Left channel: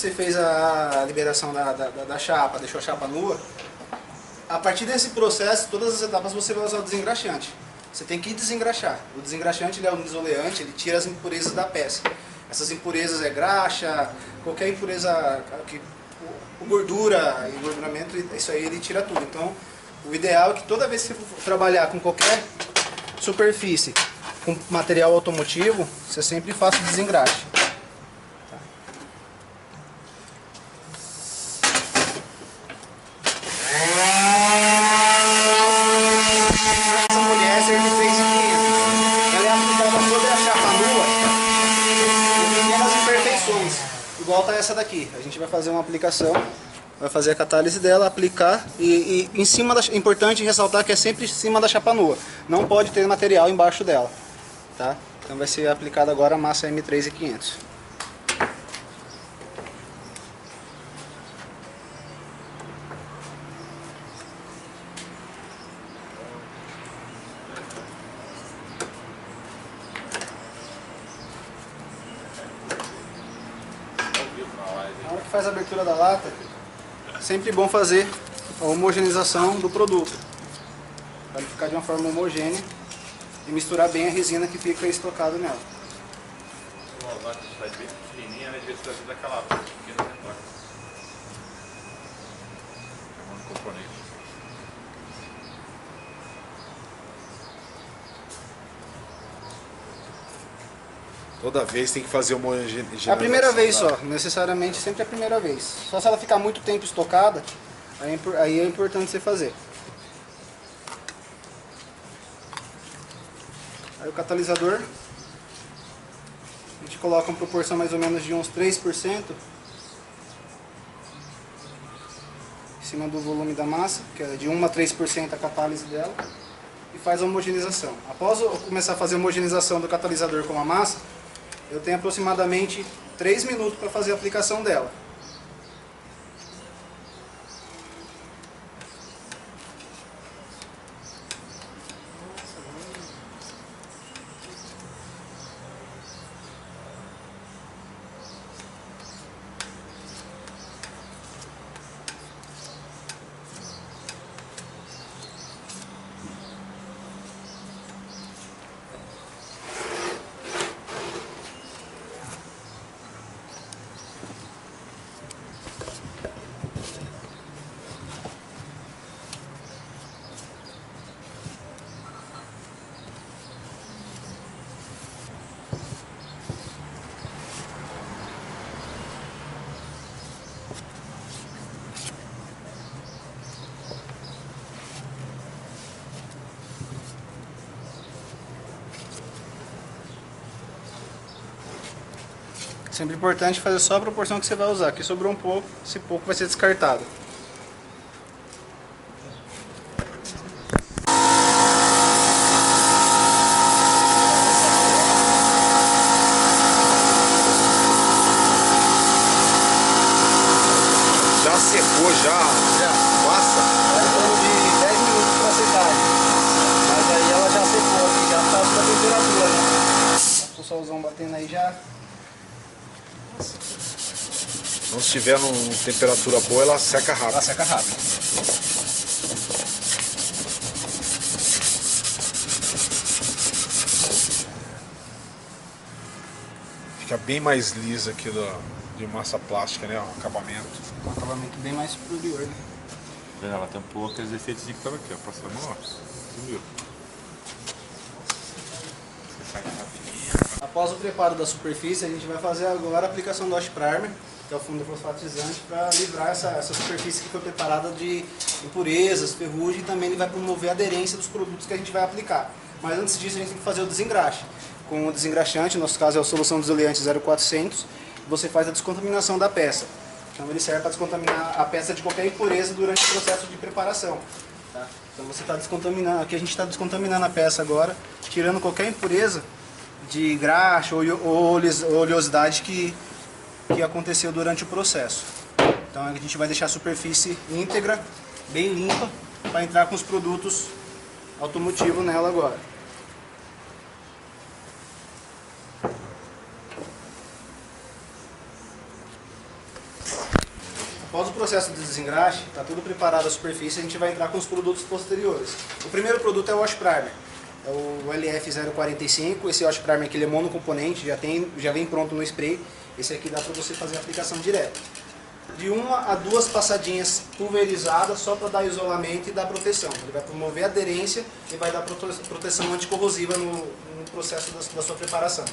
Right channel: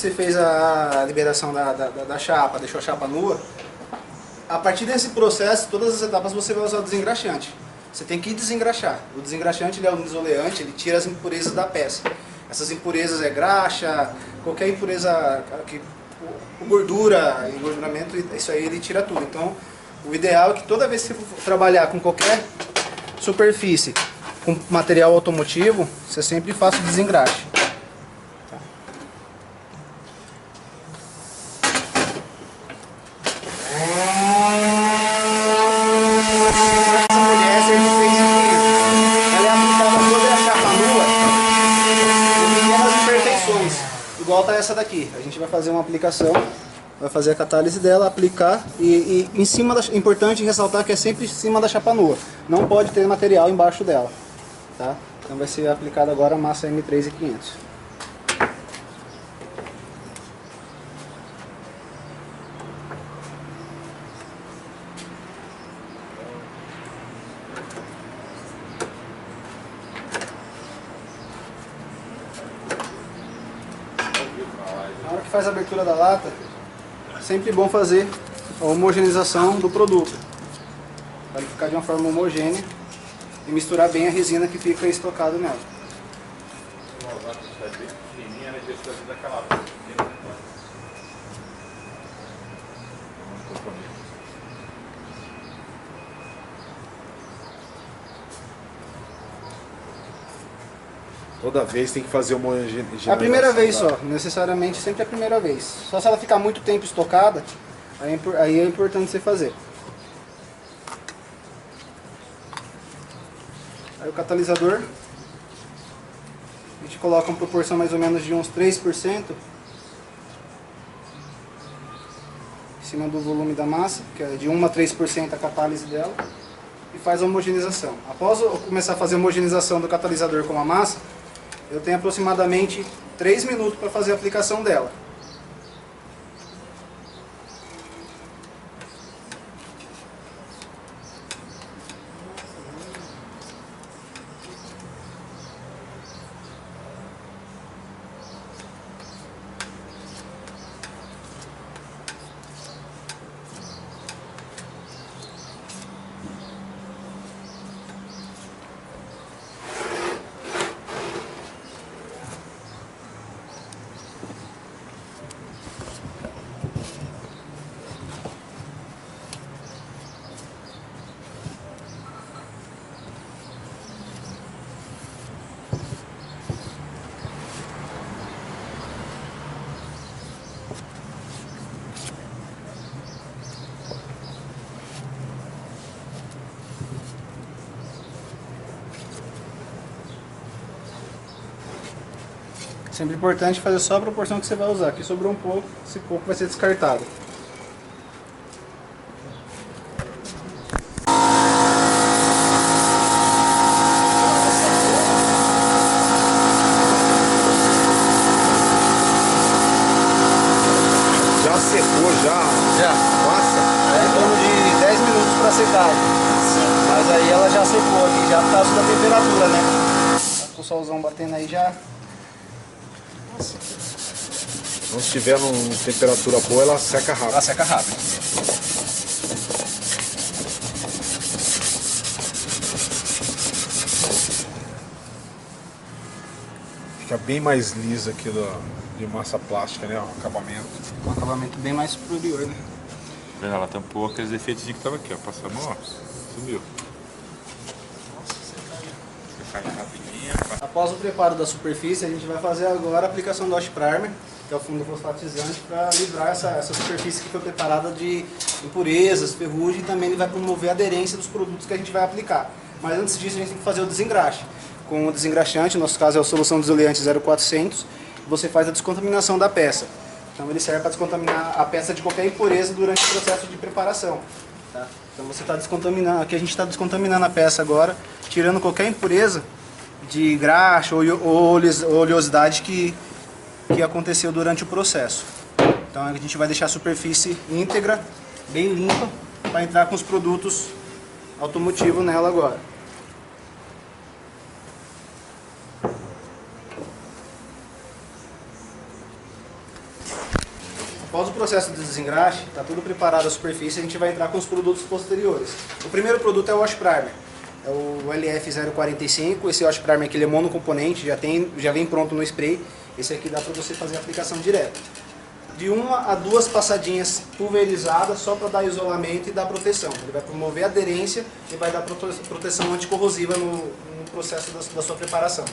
você fez a liberação da chapa, deixou a chapa nua, a partir desse processo, todas as etapas você vai usar o desengraxante. Você tem que desengraxar. O desengraxante ele é um desoleante, ele tira as impurezas da peça. Essas impurezas é graxa, qualquer impureza, gordura, engorduramento, isso aí ele tira tudo. Então, o ideal é que toda vez que você for trabalhar com qualquer superfície, com material automotivo, você sempre faça o desengraxe. Igual tá essa daqui, a gente vai fazer uma aplicação, vai fazer a catálise dela, aplicar e em cima da, é importante ressaltar que é sempre em cima da chapa nua, não pode ter material embaixo dela, tá? Então vai ser aplicada agora a massa M3500. Na hora que faz a abertura da lata, é sempre bom fazer a homogeneização do produto, para ele ficar de uma forma homogênea e misturar bem a resina que fica estocada nela. Toda vez tem que fazer uma homogeneização. É a primeira vez só, necessariamente sempre é a primeira vez. Só se ela ficar muito tempo estocada, aí é importante você fazer. Aí o catalisador, a gente coloca uma proporção mais ou menos de uns 3% em cima do volume da massa, que é de 1 a 3% a catálise dela, e faz a homogeneização. Após eu começar a fazer a homogeneização do catalisador com a massa, eu tenho aproximadamente 3 minutos para fazer a aplicação dela. Sempre importante fazer só a proporção que você vai usar. Aqui sobrou um pouco, esse pouco vai ser descartado. Já secou, já massa? É em torno de 10 minutos para secar. Mas aí ela já secou aqui, já está da temperatura, né? Tá com o solzão batendo aí já. Não se tiver numa temperatura boa, ela seca rápido. Ela seca rápido. Fica bem mais lisa aqui de massa plástica, né? O acabamento. Um acabamento bem mais superior, né? Ela tampou aqueles defeitos que tava aqui, ó. Passando, ó. Sumiu. Após o preparo da superfície, a gente vai fazer agora a aplicação do Wash Primer, que é o fundo fosfatizante, para livrar essa superfície que foi preparada de impurezas, ferrugem, e também ele vai promover a aderência dos produtos que a gente vai aplicar. Mas antes disso, a gente tem que fazer o desengraxe. Com o desengraxante, no nosso caso é a solução desoleante 0400, você faz a descontaminação da peça. Então ele serve para descontaminar a peça de qualquer impureza durante o processo de preparação. Tá? Então você está descontaminando, aqui a gente está descontaminando a peça agora, tirando qualquer impureza de graxa ou oleosidade que aconteceu durante o processo. Então a gente vai deixar a superfície íntegra, bem limpa, para entrar com os produtos automotivos nela agora. processo de desengraxe, está tudo preparado a superfície, a gente vai entrar com os produtos posteriores. O primeiro produto é o Wash Primer, é o LF045, esse Wash Primer aqui ele é monocomponente, já vem pronto no spray, esse aqui dá para você fazer a aplicação direta. De 1 a 2 passadinhas pulverizadas só para dar isolamento e dar proteção. Ele vai promover aderência e vai dar proteção anticorrosiva no processo da sua preparação.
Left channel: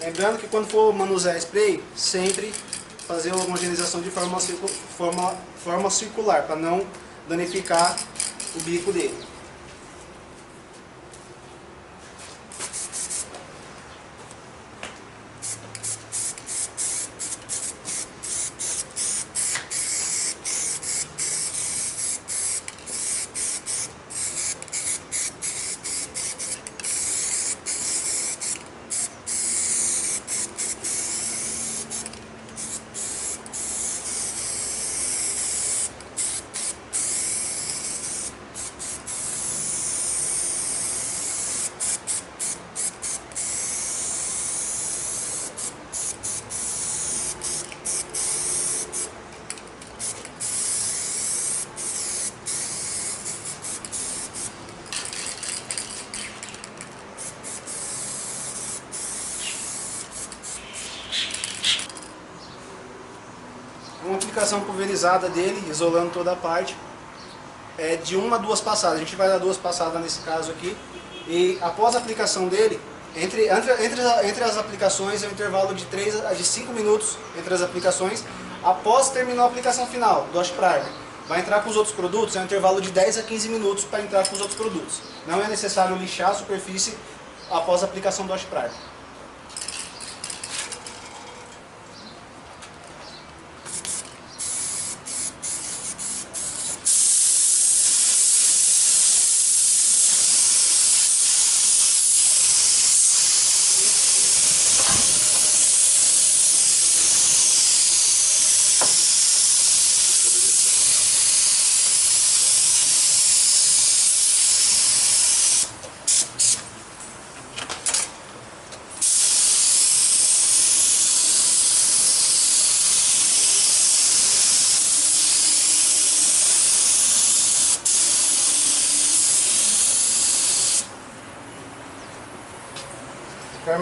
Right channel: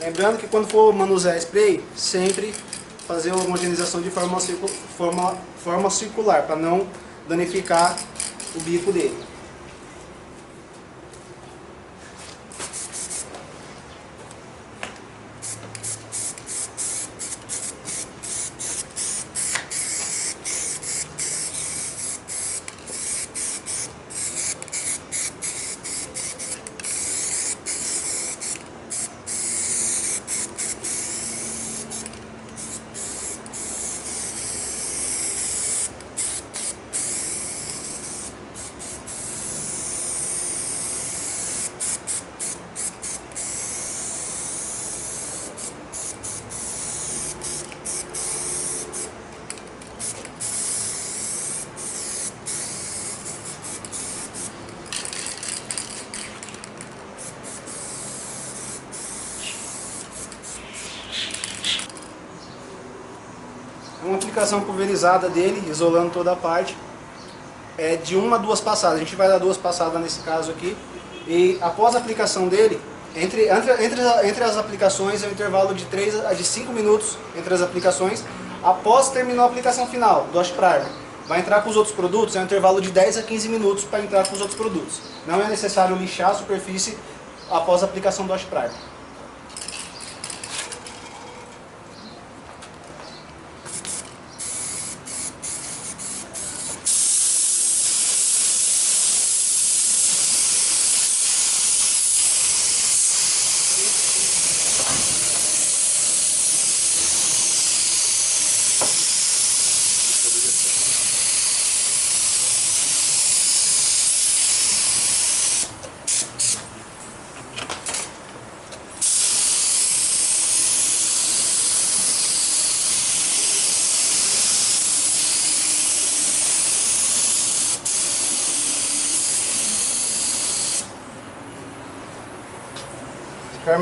Lembrando que quando for manusear spray, sempre fazer a homogeneização de forma circular, para não danificar o bico dele. Uma aplicação pulverizada dele, isolando toda a parte, é de 1 a 2 passadas. A gente vai dar 2 passadas nesse caso aqui. E após a aplicação dele, entre as aplicações é um intervalo de 3 a 5 minutos entre as aplicações. Após terminar a aplicação final do Wash Primer, vai entrar com os outros produtos, é um intervalo de 10 a 15 minutos para entrar com os outros produtos. Não é necessário lixar a superfície após a aplicação do Wash Primer.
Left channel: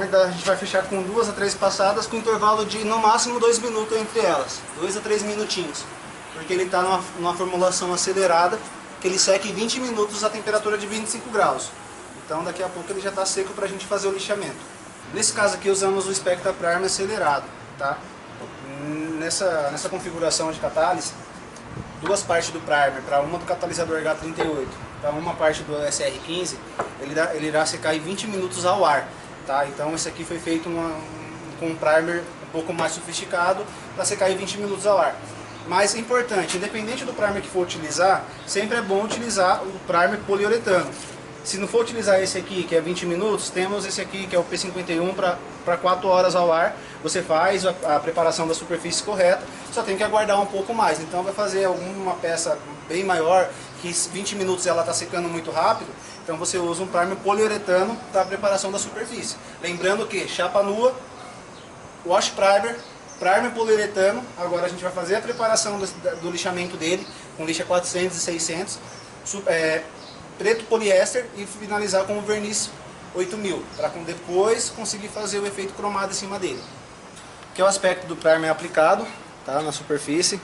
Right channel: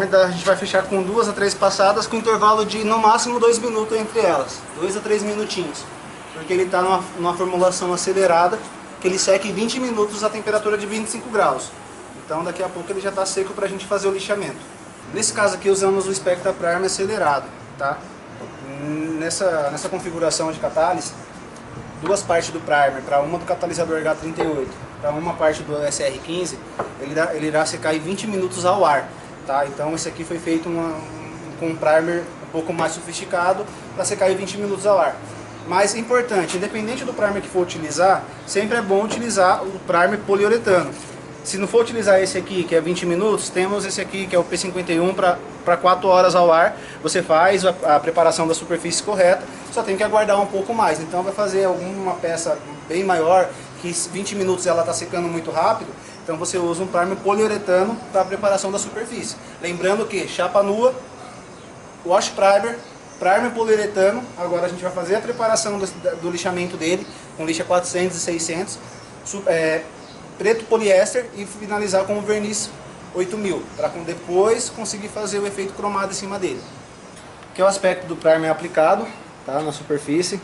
A gente vai fechar com 2 a 3 passadas com intervalo de no máximo 2 minutos entre elas, 2 a 3 minutinhos, porque ele está numa formulação acelerada que ele seca em 20 minutos a temperatura de 25 graus. Então daqui a pouco ele já está seco para a gente fazer o lixamento. Nesse caso aqui usamos o Spectra Primer acelerado, tá? Nessa configuração de catálise, 2 partes do primer para uma do catalisador H38 para uma parte do SR15, ele irá secar em 20 minutos ao ar. Tá? Então esse aqui foi feito com um primer um pouco mais sofisticado para secar em 20 minutos ao ar. Mas importante, independente do primer que for utilizar, sempre é bom utilizar o primer poliuretano. Se não for utilizar esse aqui, que é 20 minutos, temos esse aqui que é o P51 para 4 horas ao ar. Você faz a preparação da superfície correta, só tem que aguardar um pouco mais. Então vai fazer alguma peça bem maior, que 20 minutos ela está secando muito rápido, então você usa um primer poliuretano para a preparação da superfície. Lembrando que chapa nua, Wash Primer, primer poliuretano. Agora a gente vai fazer a preparação do lixamento dele, com lixa 400 e 600, preto poliéster e finalizar com o verniz 8000, para depois conseguir fazer o efeito cromado em cima dele. Aqui é o aspecto do primer aplicado, tá, na superfície.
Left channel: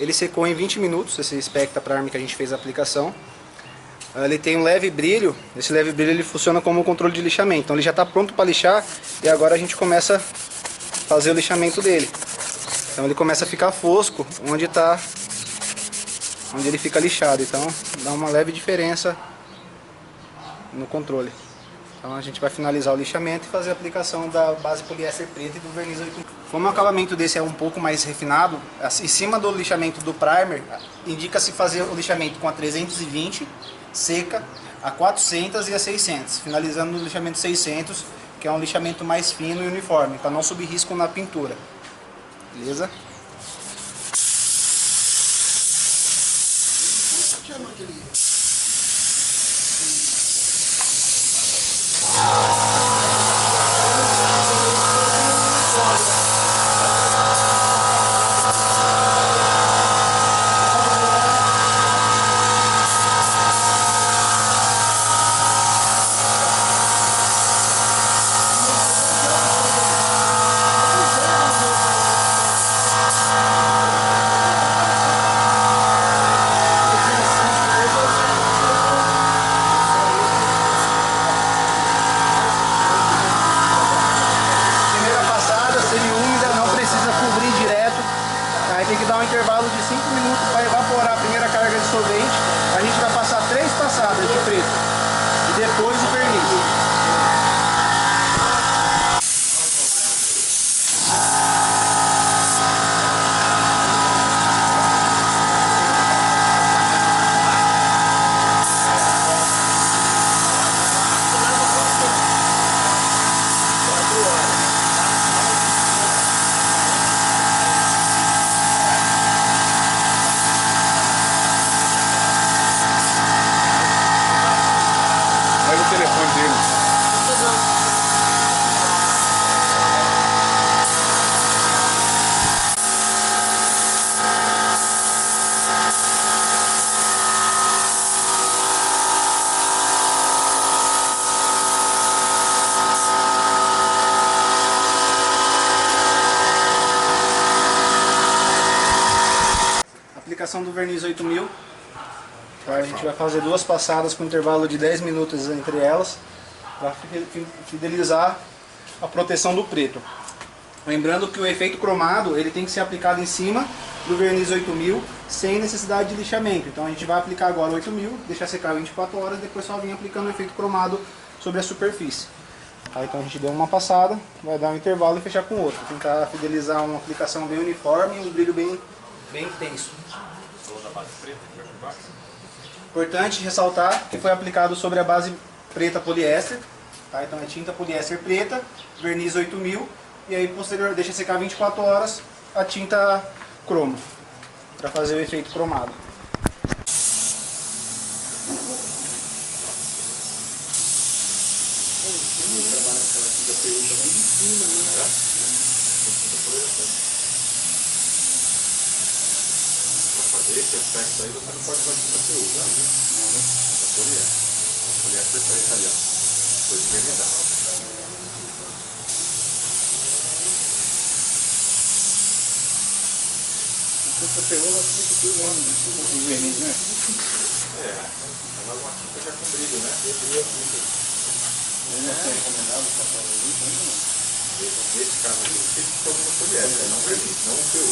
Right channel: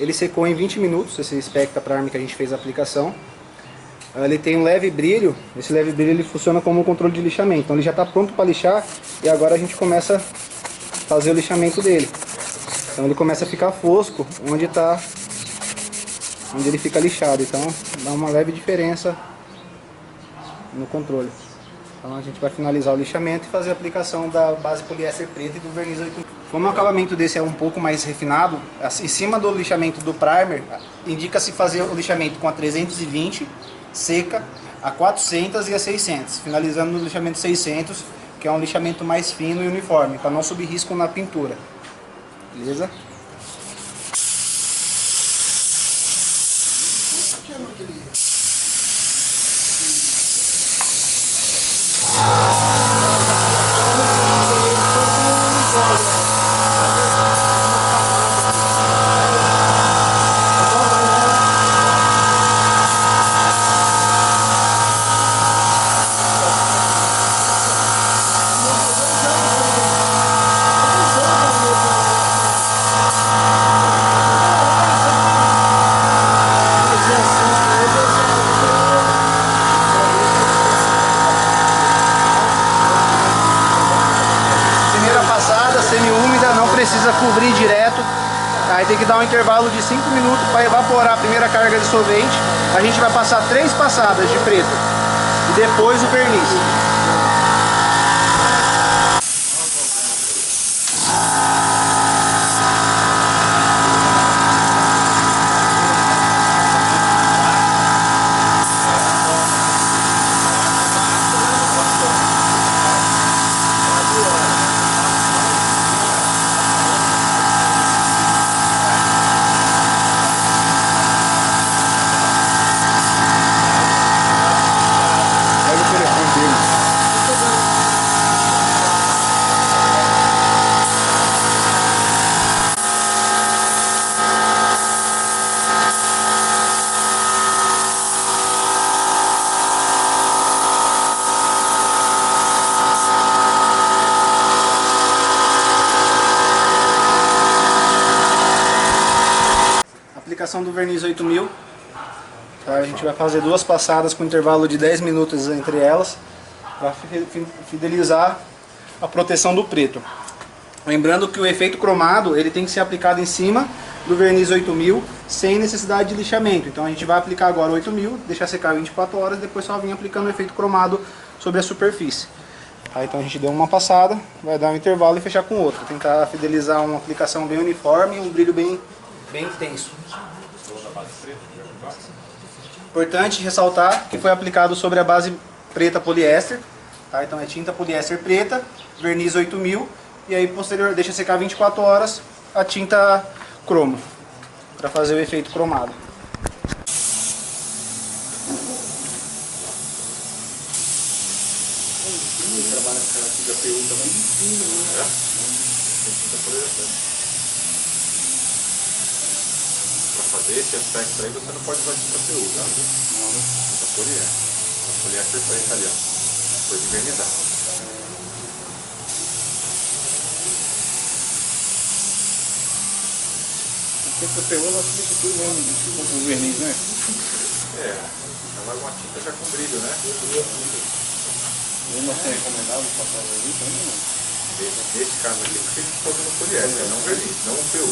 Ele secou em 20 minutos, esse Spectra Primer que a gente fez a aplicação. Ele tem um leve brilho, esse leve brilho ele funciona como um controle de lixamento. Então ele já está pronto para lixar e agora a gente começa a fazer o lixamento dele. Então ele começa a ficar fosco onde ele fica lixado, então dá uma leve diferença no controle. Então a gente vai finalizar o lixamento e fazer a aplicação da base poliéster preta e do verniz 8000. Como o acabamento desse é um pouco mais refinado, em cima do lixamento do primer, indica-se fazer o lixamento com a 320 seca, a 400 e a 600, finalizando no lixamento 600, que é um lixamento mais fino e uniforme, para não subir risco na pintura. Beleza? um intervalo de 5 minutos para evaporar a primeira carga de solvente. A gente vai passar 3 passadas de preto e depois o verniz. Pega o telefone dele. Aplicação do verniz 8000. A gente vai fazer 2 passadas com intervalo de 10 minutos entre elas para fidelizar a proteção do preto. Lembrando que o efeito cromado ele tem que ser aplicado em cima do verniz 8000 sem necessidade de lixamento. Então a gente vai aplicar agora 8000, deixar secar 24 horas e depois só vir aplicando o efeito cromado sobre a superfície. Aí, então a gente deu uma passada, vai dar um intervalo e fechar com outro. Tentar fidelizar uma aplicação bem uniforme e um brilho bem intenso. Importante ressaltar que foi aplicado sobre a base preta poliéster, tá? Então é tinta poliéster preta, verniz 8000 e aí posterior deixa secar 24 horas a tinta cromo para fazer o efeito cromado. Para fazer esse aspecto aí você não pode usar tinta PU, tá? Não, né? Tinta poliéster. A poliéster foi italiana. Foi de verniz. Tinta PU ela fica tudo mesmo, com o verniz, né? É, ela é uma tinta já com brilho, né? Ele não é recomendado passar o verniz também, não? Nesse caso aqui, porque ele ficou no poliéster, não verniz, não um PU.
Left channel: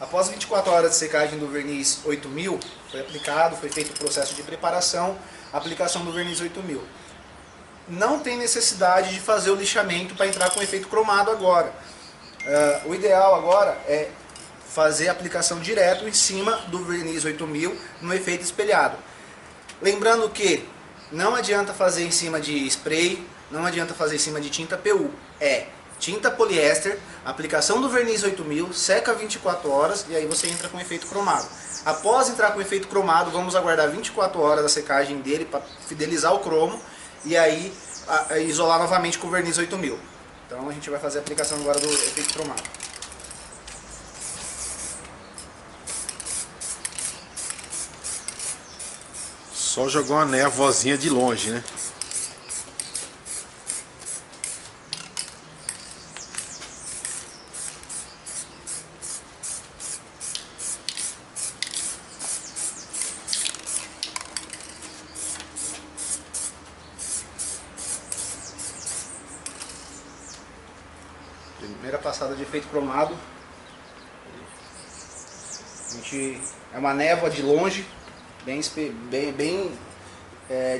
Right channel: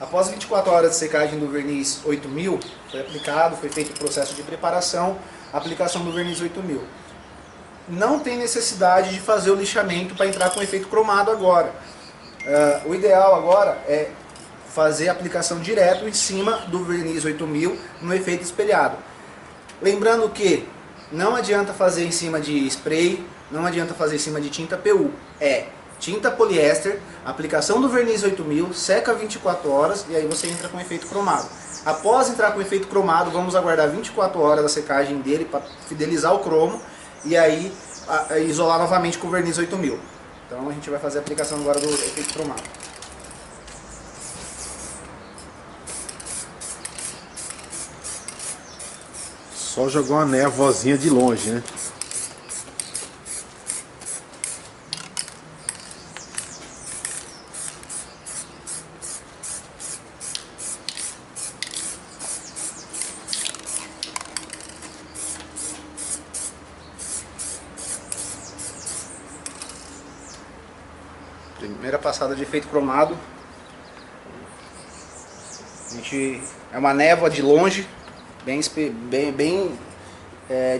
Após 24 horas de secagem do verniz 8000, foi aplicado, foi feito o processo de preparação, aplicação do verniz 8000. Não tem necessidade de fazer o lixamento para entrar com efeito cromado agora. O ideal agora é fazer a aplicação direto em cima do verniz 8000 no efeito espelhado. Lembrando que não adianta fazer em cima de spray, não adianta fazer em cima de tinta PU. É tinta poliéster, aplicação do verniz 8000, seca 24 horas e aí você entra com efeito cromado. Após entrar com efeito cromado, vamos aguardar 24 horas da secagem dele para fidelizar o cromo e aí isolar novamente com o verniz 8000. Então a gente vai fazer a aplicação agora do efeito cromado. Só jogou uma névoazinha de longe, né? Primeira passada de efeito cromado. É uma névoa de longe, bem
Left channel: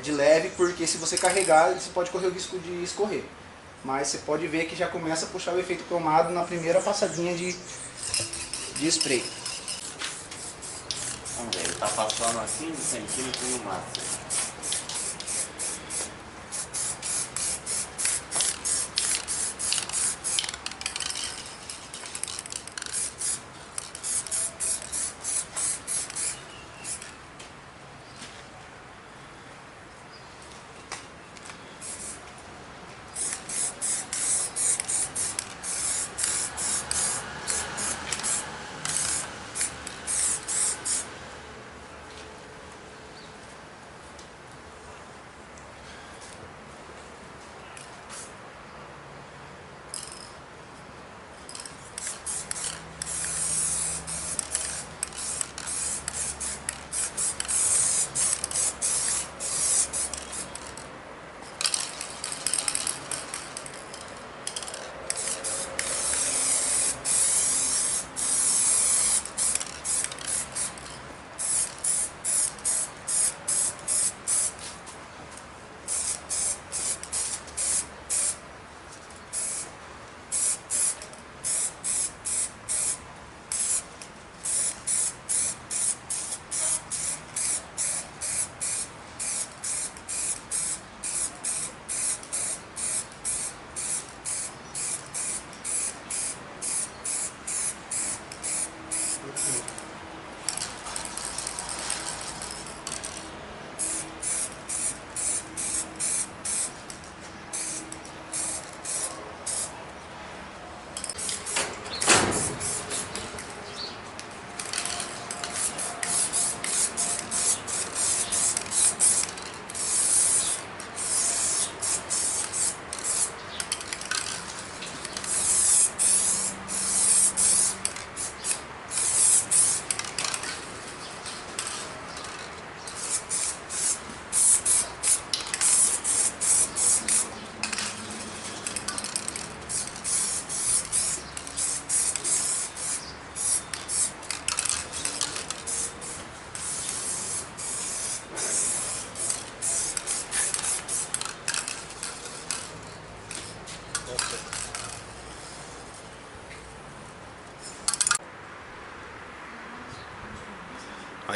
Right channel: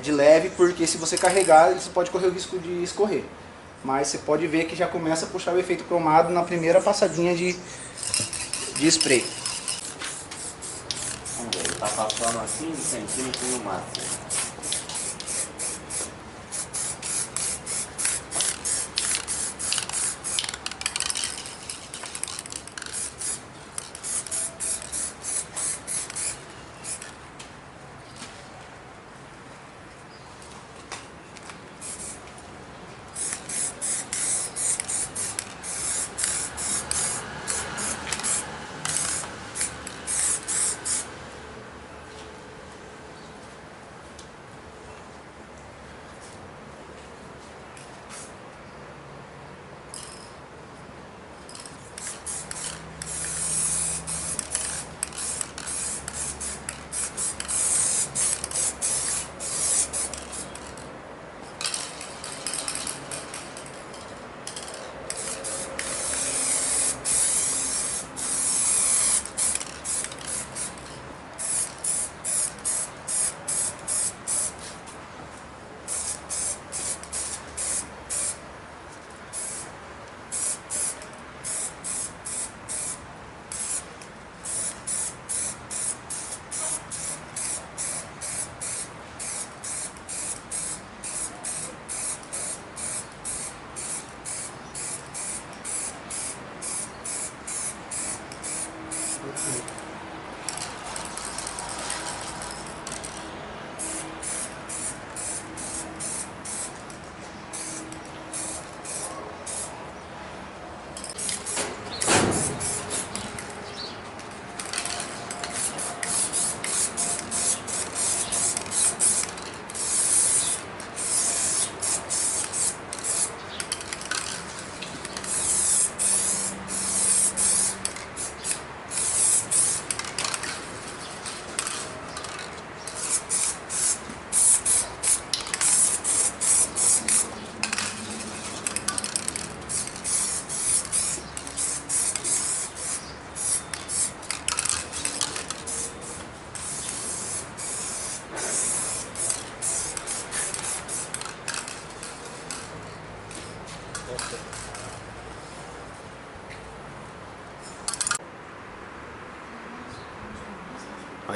de leve, porque se você carregar, você pode correr o risco de escorrer. Mas você pode ver que já começa a puxar o efeito cromado na primeira passadinha de spray. Vamos ver, ele tá passando a 15 centímetros no máximo.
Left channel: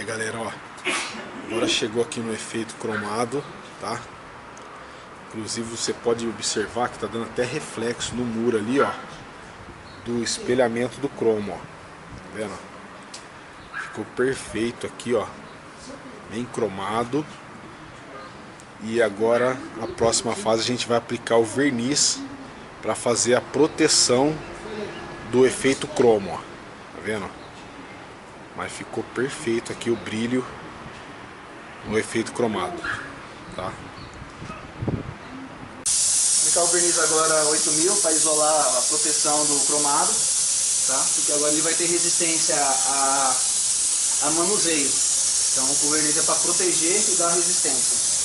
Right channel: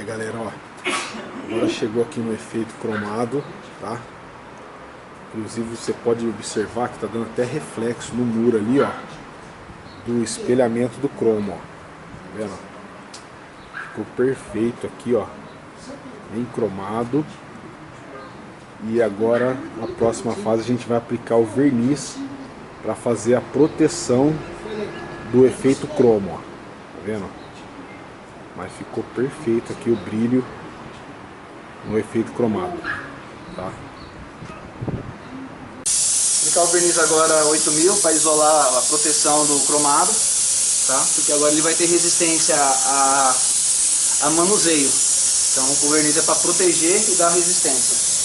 galera, ó. Agora chegou aqui no efeito cromado, tá? Inclusive você pode observar que tá dando até reflexo no muro ali, ó, do espelhamento do cromo, ó. Tá vendo? Ficou perfeito aqui, ó, bem cromado. E agora, na próxima fase, a gente vai aplicar o verniz para fazer a proteção do efeito cromo, ó. Tá vendo? Mas ficou perfeito aqui o brilho no efeito cromado, tá? Aplicar o verniz agora 8000 para isolar a proteção do cromado, tá? Porque agora ele vai ter resistência a manuseio. Então o verniz é para proteger e dar resistência.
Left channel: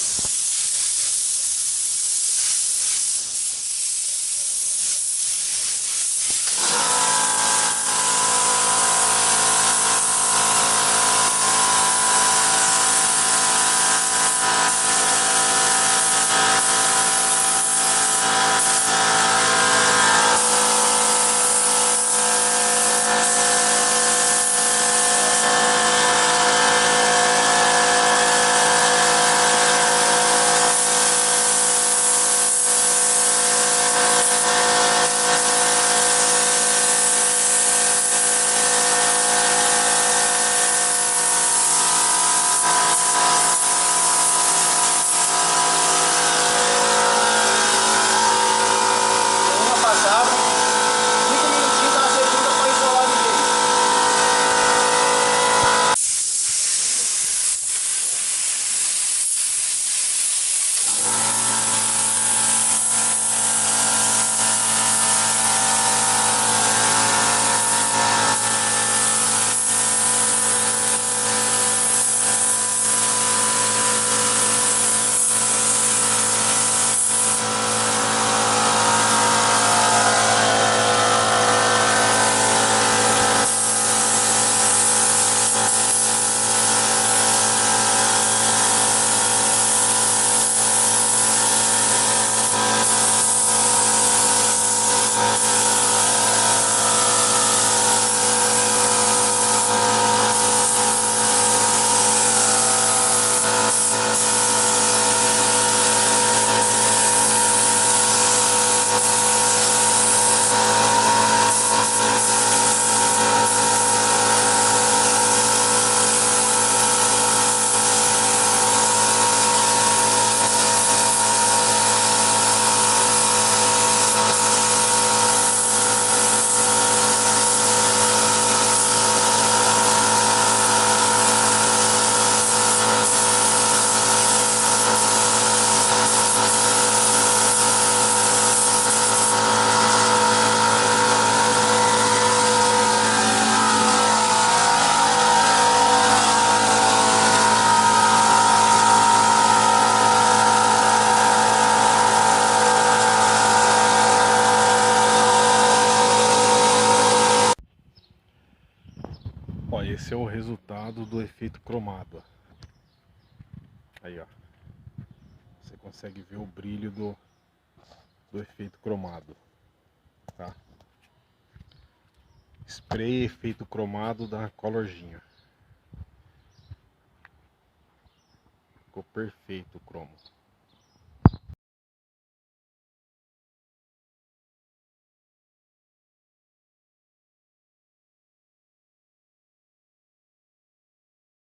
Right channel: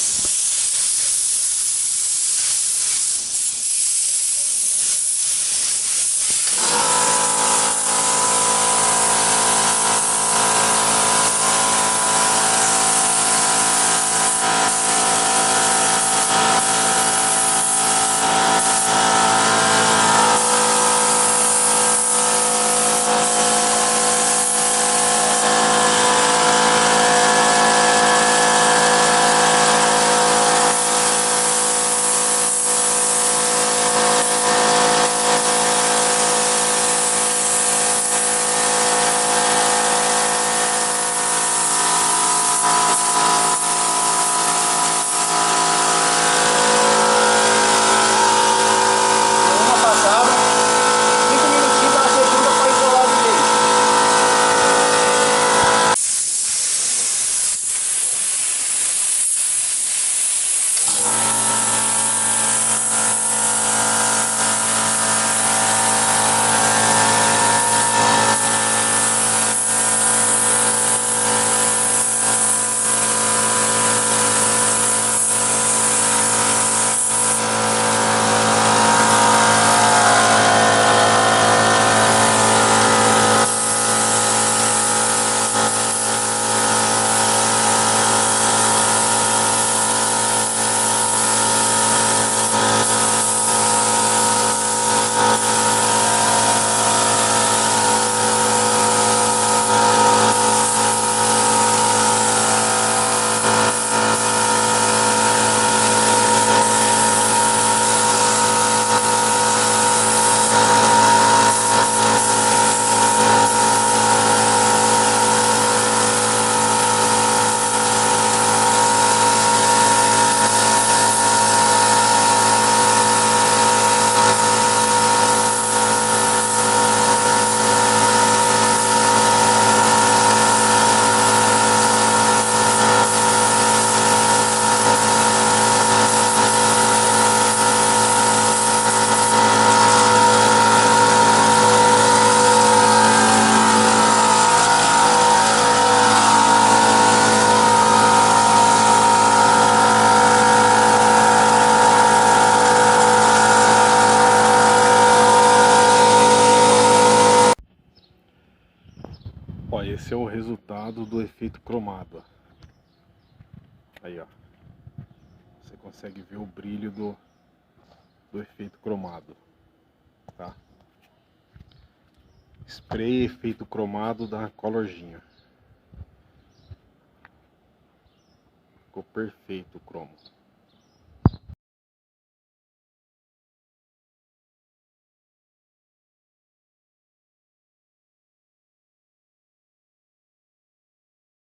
Ó, esse é o resultado do efeito cromado, ó. Aí, ó. Você consegue ver o brilho do efeito cromado, tá? Spray efeito cromado da Colorzinha. Ficou perfeito o cromo.